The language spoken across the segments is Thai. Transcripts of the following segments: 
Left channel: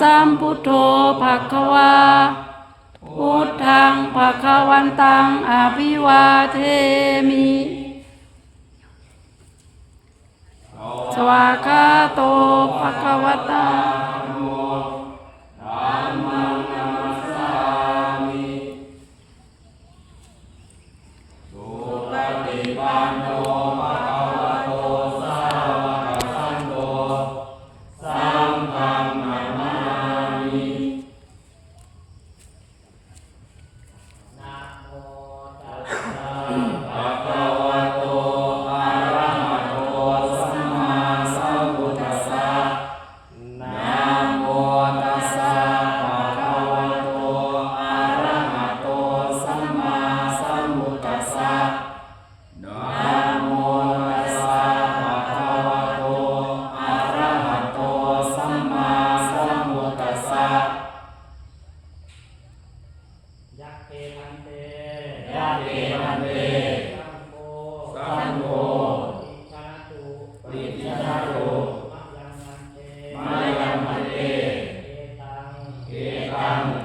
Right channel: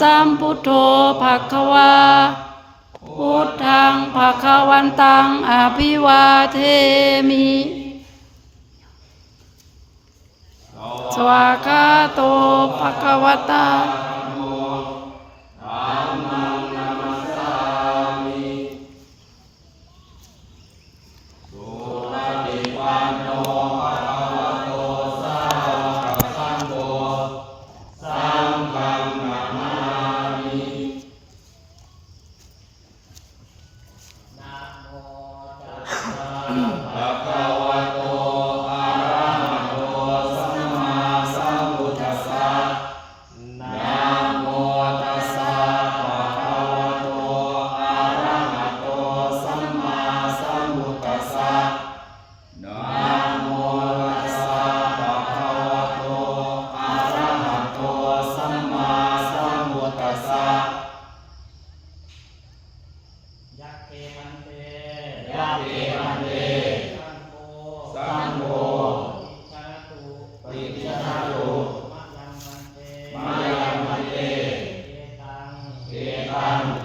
สัมพุทโธภะคะวาพุทธังภะควันตังอภิวาเทมิ สวากาโตภะคะวตา Amen.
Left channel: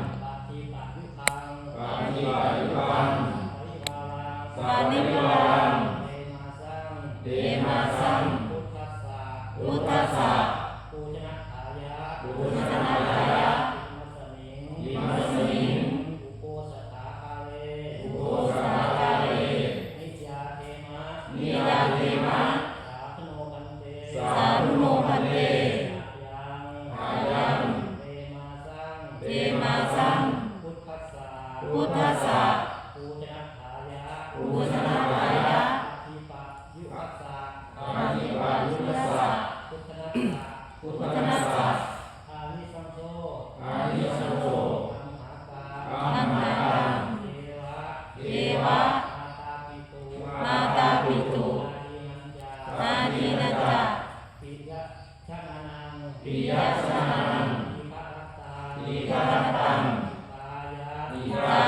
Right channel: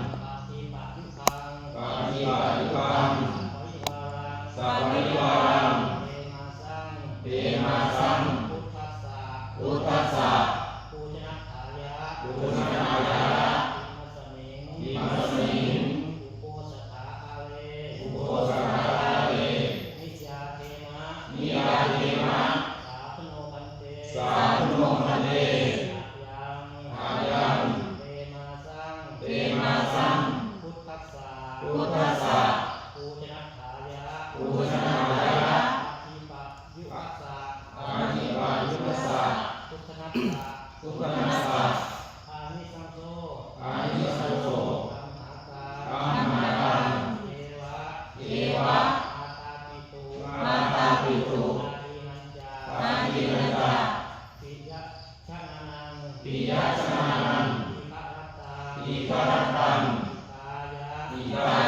ปิยสมานันติปรัตตังอิปรัตตังกายา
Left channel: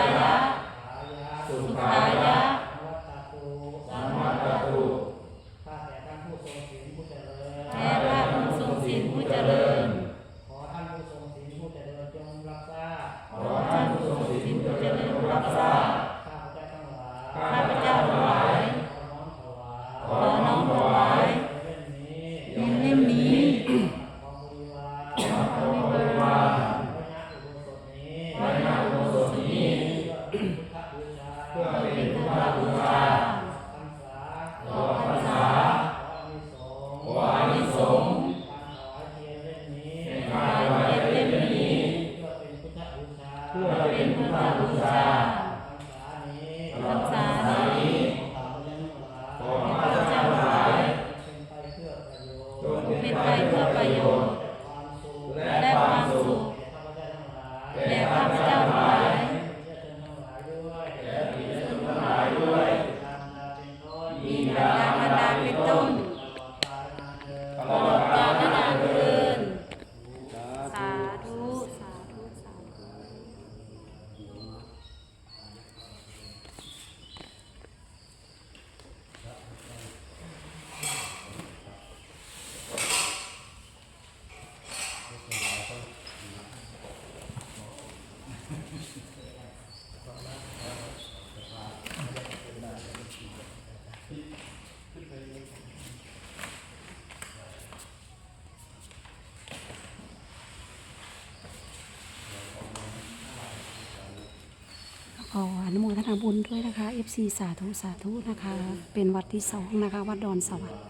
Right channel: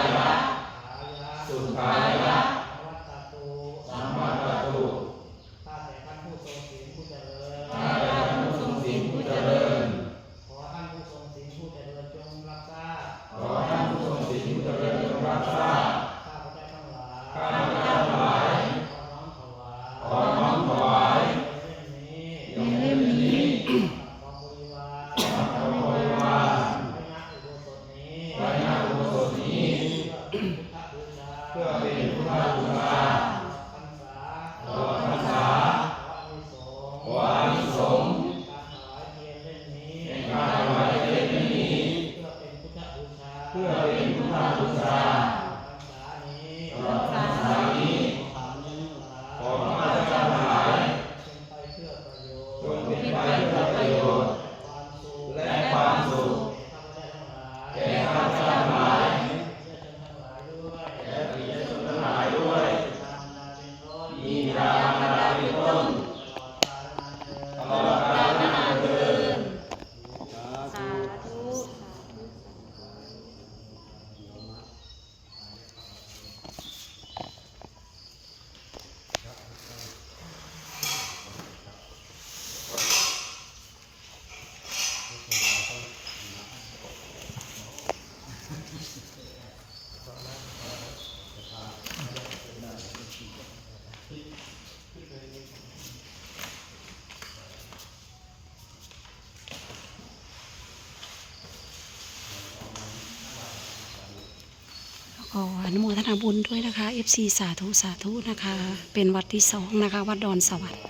อนุโมทนาบุญด้วยนะคะ FC สาธุสาธุนะคะ เป็นวัดที่สองนะคะ วัดดอนสวรรค์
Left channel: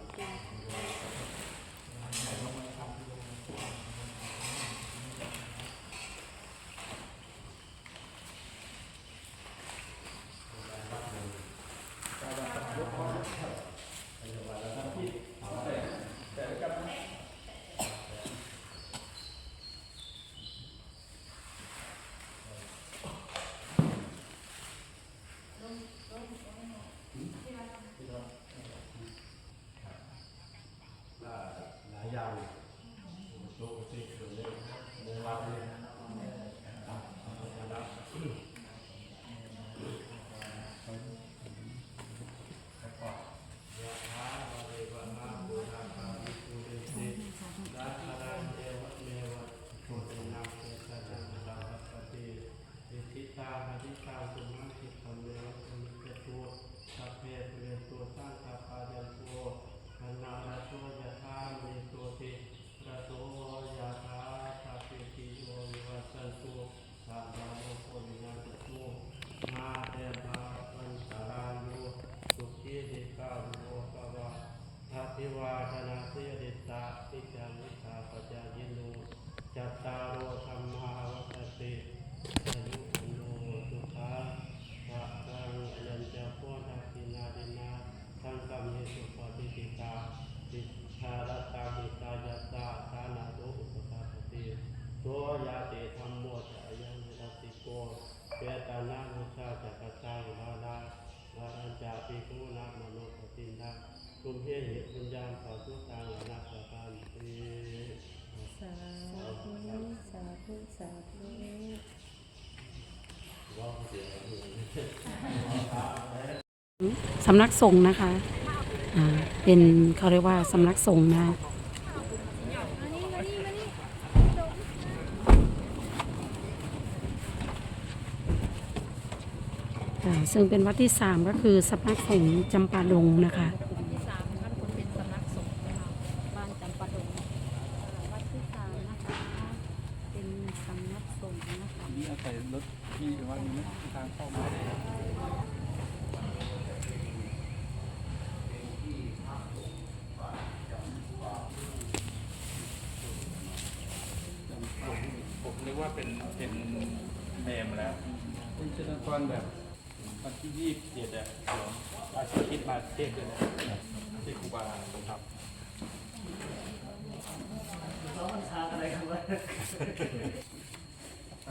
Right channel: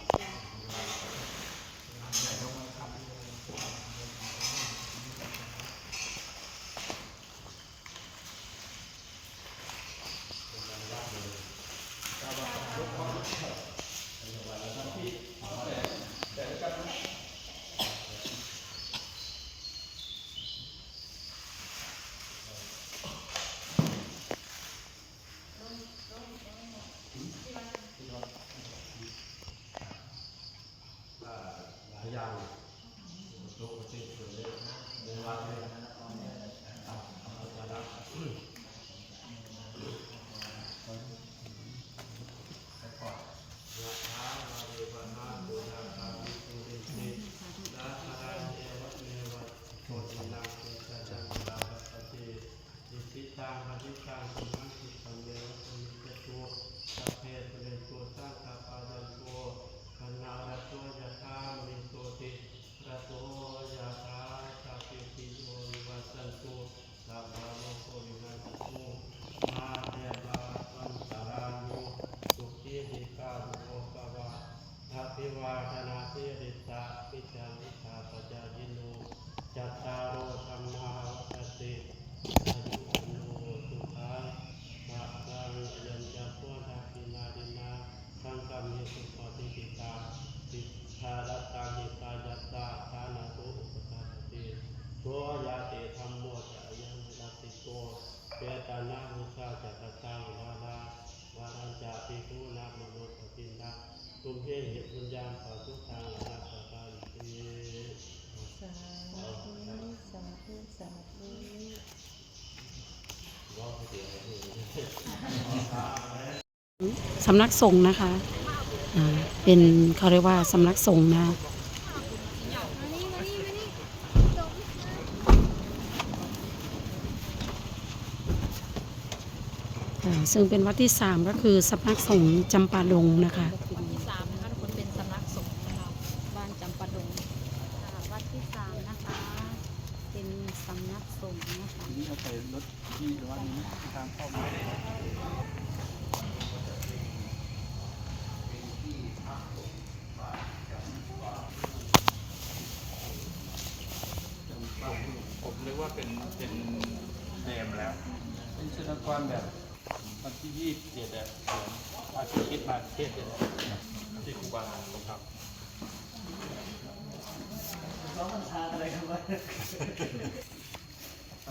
สำนักสงฆ์นะคะ อ่า เป็นเขาเรียกว่าสำนักสงฆ์นะ ซึ่งเป็นวัดที่สามก็คือสำนักสงฆ์จำปาดงนะคะ ที่สามนะคะคงเป็นสำนักสงฆ์นะคะบ้านจำปาดงวัดที่สามนะคะ เป็นสำนักสงฆ์นะคะ นี่เอา ใส่รถที่หรือวัดนี้ทางเข้ามาผมนึกว่าเป็นเป็นเนมแล้วเป็นศิลปกรแบบวันที่ยี่สิบเจ็ดอะผมอาชีพคิดมาเทศเลยนะที่ครูบาผมครับน้องมันทาอะไรครับ เ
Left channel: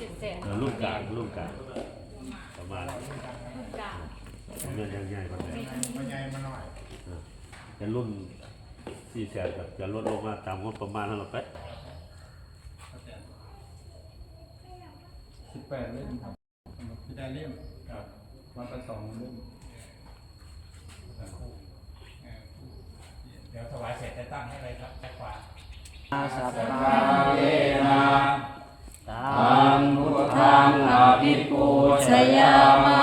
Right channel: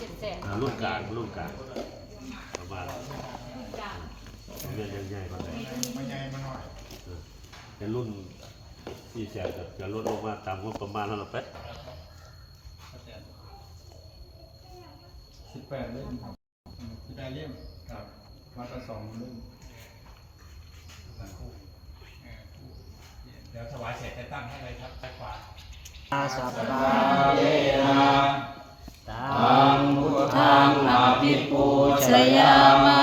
จ็ดแสนเอ่อรุ่นกลางรุ่นกลางประมาณลูกกลางเรียนง่ายๆประมาณมันใหญ่มาหน่อยเป็นรุ่นสี่แสนกับจะลดลงมาตามงบประมาณแล้วเราไปสิบแปดเล่มครับที่ได้เล่มครับวัดละสองเล่มเดี๋ยวถวายเสร็จจะตั้งให้เลยครับใต้ขวาอา สัพพาเวนะตังพุทธัทางงอภิปูชยามะ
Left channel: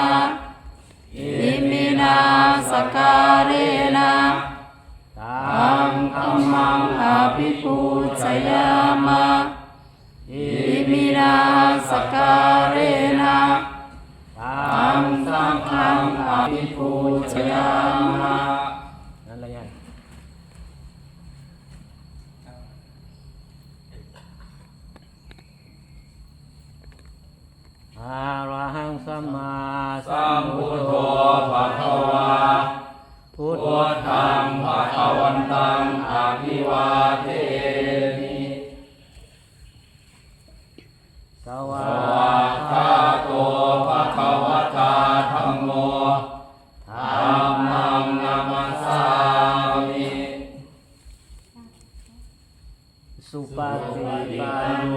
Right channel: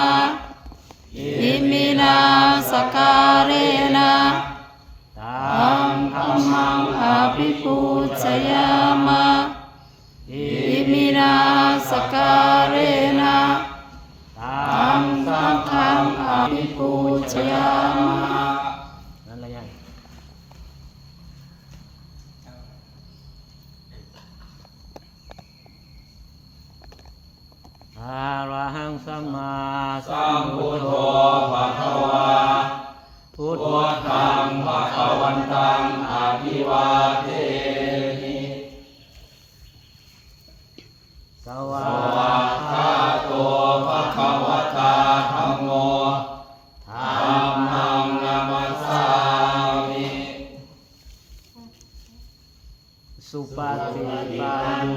อิมินาสการเรนะตังธรรมังอภิปูชยามะอิมินาสการเรนะตังสังฆังอภิปูชยามะนั่นอะไรยัง อารหังสัมมาสัมพุทโธภะคะวาพุทธังภะคะวันตังอะภิวาเทมิสวากขาโตภะคะวะตาธัมโมธัมมังนามัสสามิสุปฏิปัน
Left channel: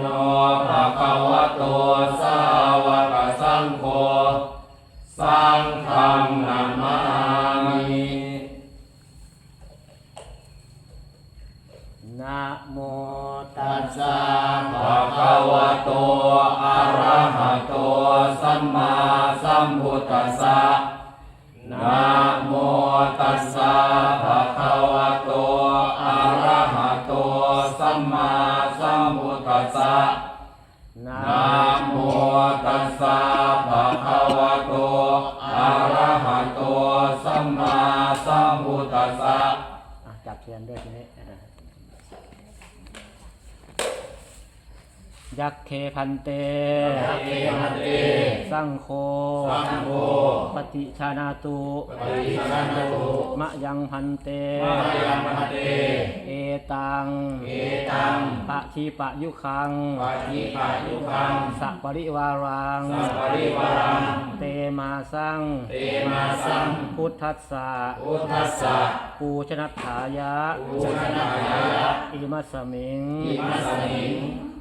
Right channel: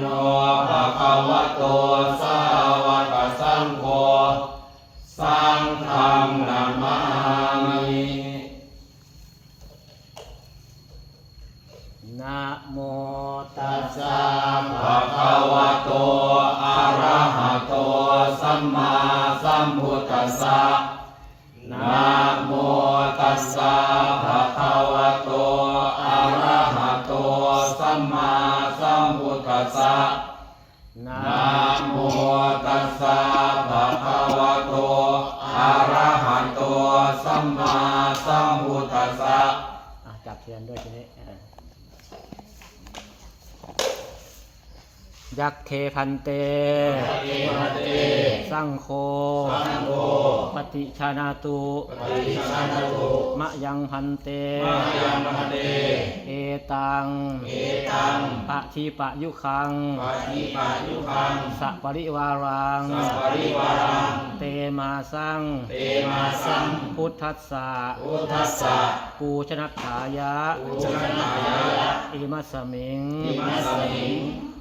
โน ยักเคพันเต สังโฆปฏิชานาตุมะยังพันเต เอตังปะทีปะยุคัง สัปริวารัง เตมาสัง พุทธัสสะปูชนัตถายะ อิมัสสมิง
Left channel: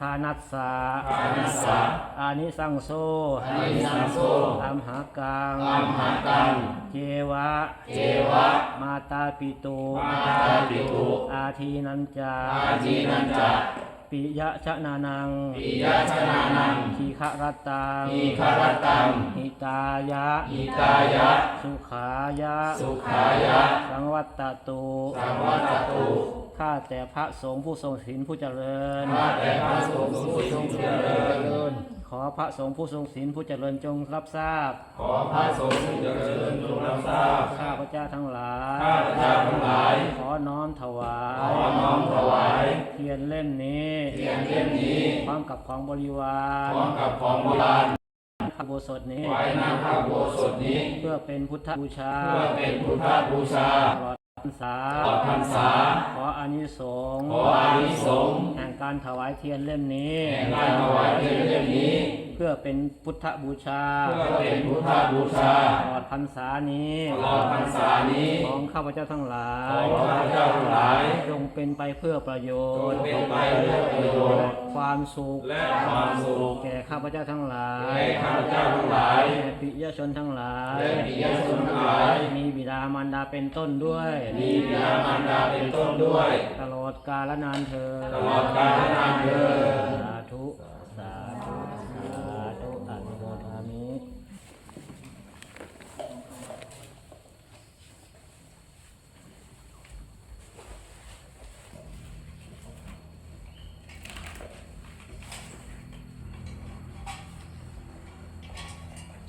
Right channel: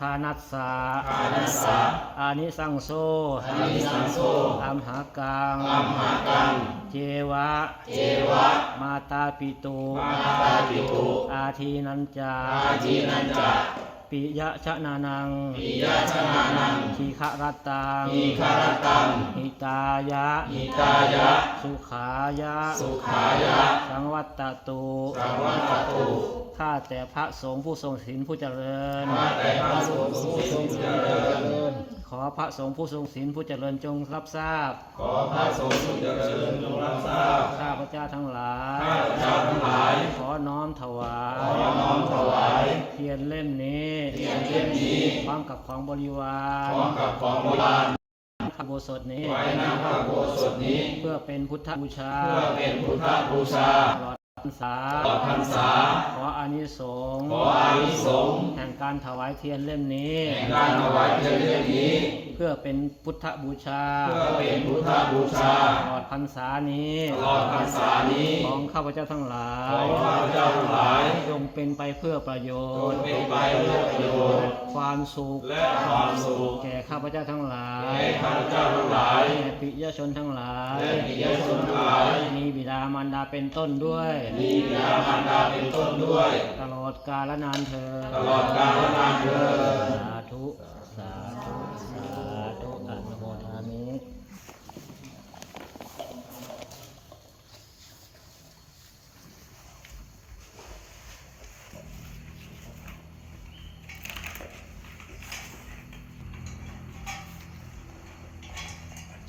ทานัสสะอานิสังโซอัมหากัง เจวะมาตาปิตุอาทีนันจาปิยะชะนานัง ปิยะชะนานังทีฆรตังทีฆรตังหิตายะหิตายะ สุขายะ สุขายะ สังวัตตตุ สังวัตตตุ ข้าแต่พระสงฆ์ผู้ทรงศีลผู้เจริญ ข้าแต่พระสงฆ์ผู้ทรงศีลผู้เจริญ ขอพระสงฆ์ผู้ทรงศีลผู้เจริญจงรับทราบ ขอพระสงฆ์ผู้เจริญจงรับทราบ ข้าพระเจ้าทั้งหลาย ข้าพระเจ้าทั้งหลาย ขอน้อมถวาย ขอน้อมถวาย เทียนเล่มนี้ เทียนเล่มนี้ พร้อมกับของบริวารพร้อมกับของโบราณพระโบสถนี้ไว้หน้าพระโบสถนี้ เพื่อเป็นพุทธบูชา เพื่อเป็นพุทธบูชาตลอด รษาตลอดพรรษา ขออานิสงส์ขออานิสงส์แห่งการถวายเทียนเล่มนี้ แห่งการถวายเทียนเล่มนี้ เพื่อเป็นพุทธบูชาเพื่อเป็นพุทธบูชาตลอดพรรษานี้ตลอดพรรษานี้ของข้าพเจ้าทั้งหลาขอยข้าพเจ้าทั้งหลายจงเป็นไปเพื่อประโยจชงน์เป็นไปเพื่อประโยชน์ความสุขและความสุขแก่ข้าพเจ้าทั้งหลายแก่ข้าพเจ้าทั้งหลายและปิยชนทั้งหลายและปิยชนทั้งหลายมีบิดามารดาเป็นต้นด้วย มีบิดามารดาเป็นต้นด้วย ตลอดกาลนานเธอญตลอดกาลนานเถิดสาธุส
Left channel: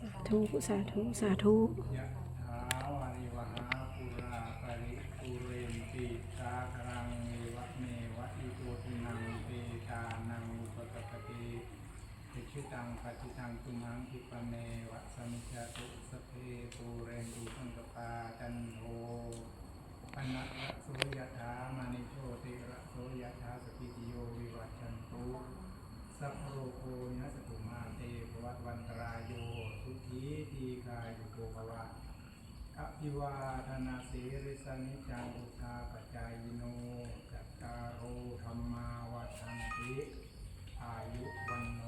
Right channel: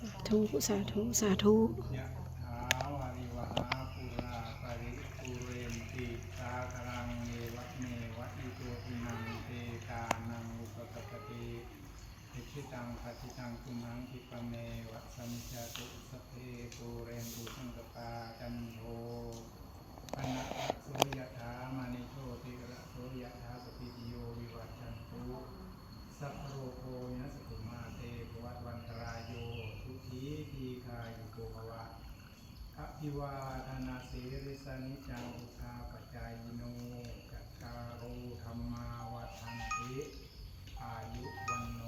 สาธุ สาธุ สาธุยะถาวาริวหาปุราปริปุเรนติสาครังเมวะเมวะอิโตทินังเตตานังอุปกปปติอิชิตังปัจิตังตุมหังคิปะเมวะสมิจจตุสพเพปุเรนตุสังกปาจันโทปนะระโสยะถามณิโชติระโสยะถาสพิติโยวิวัชชันตุสัพพโรโคยัสสตุมาเตภวัตวันตรายโย สีทีกายุโกภวะอภิวาทนาสีริสนิจังอุทาปจายโนจัตตารูธรรมาวัฏันติ อายุวันโน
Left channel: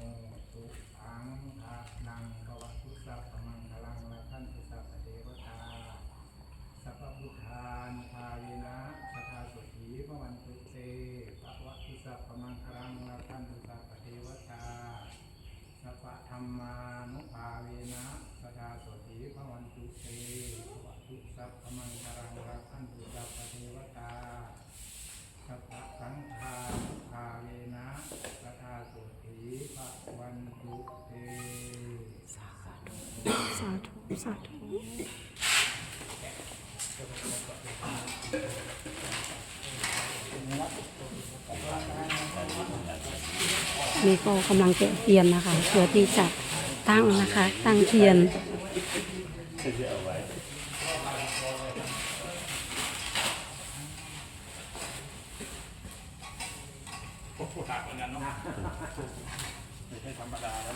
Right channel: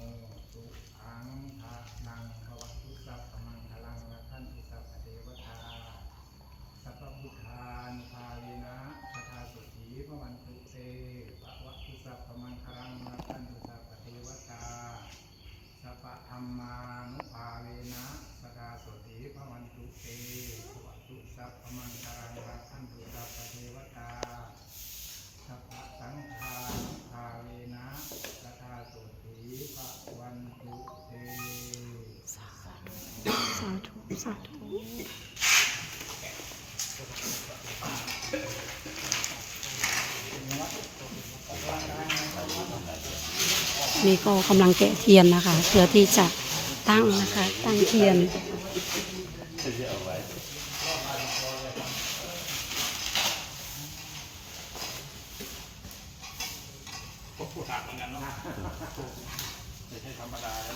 สาธุนี่ก็กำลังแกะเทียนนะคะ เพื่อที่จะตั้งนะคะ ตั้งเทียนไม่ใช่ธรรมดาแล้ว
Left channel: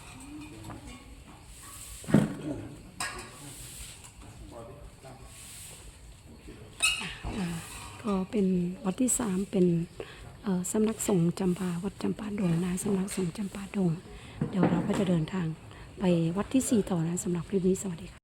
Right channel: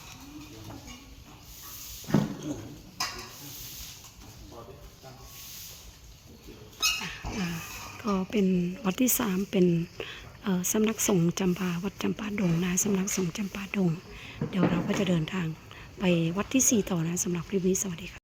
ก็เป็นวัดที่สามเป็นสำนักสงฆ์จำปาวัดจำปาดงนะสำนักสงฆ์จำปาดง เดี๋ยวเราก็จะเดินทางไปวัดที่สี่ต่อนะสำหรับคลิปนี้สวัสดีค่ะ